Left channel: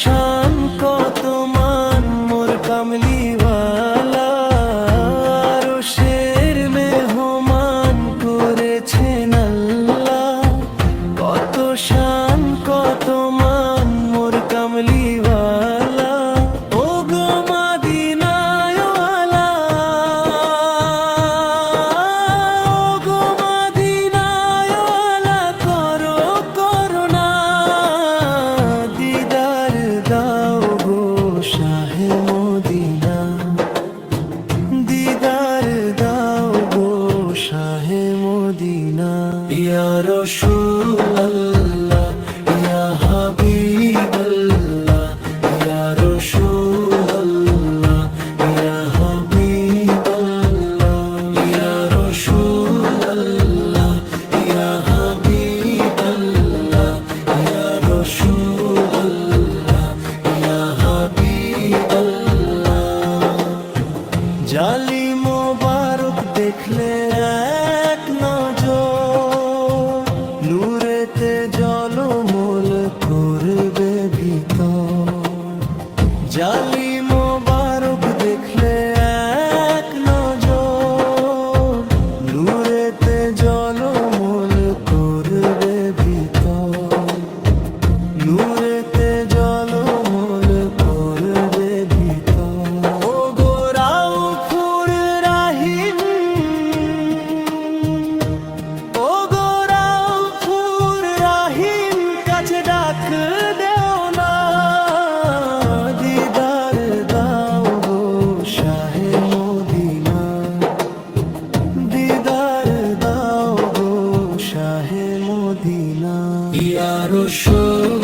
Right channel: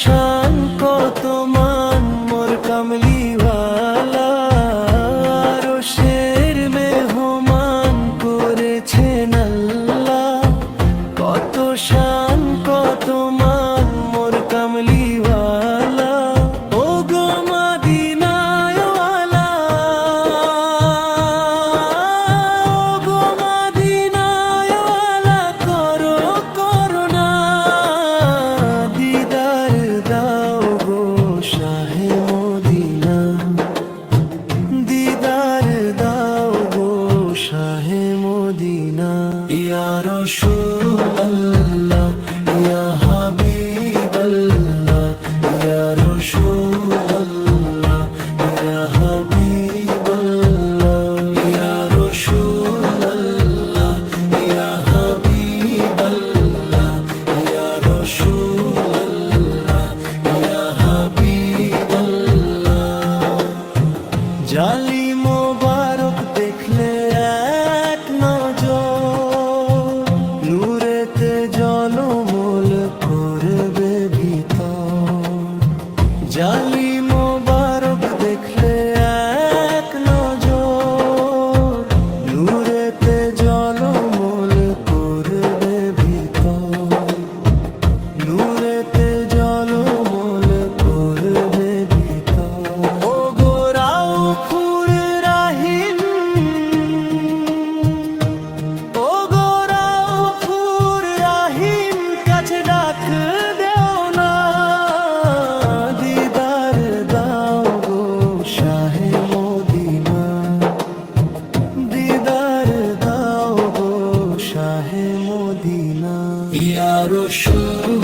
শান কত মান মোর কামলিওয়ালা, আরশের মেহমান করেছেন আল্লাহ। কত শান কত মান মোর কামলিওয়ালা, ও গো মদিনাওয়ালা, ও গো মদিনাওয়ালা, করো করুণা, দিদার দাও গো শাহে মদিনা, দিদার দাও গো শাহে মদিনা। ইয়া রাসূলুল্লাহ, ইয়া হাবিবাল্লাহ, ইয়া রাসূলুল্লাহ, ইয়া হাবিবাল্লাহ, ইয়া রাসূলুল্লাহ, ইয়া হাবিবাল্লাহ, ইয়া রাসূলুল্লাহ, ইয়া হাবিবাল্লাহ। জালি মোবারক দেখলে এক নজর, নূরেতে জলমল করবে ভিতর। জালি মোবারক দেখলে এক নজর, নূরেতে জলমল করবে ভিতর, নূরেতে জলমল করবে ভিতর। ও গো রাউফুর রাহিম, ও গো রাউফুর রাহিম, কাছে ডাক দেও না, দিদার দাও গো শাহে মদিনা, দিদার দাও গো শাহে মদিনা। ইয়া রাসূল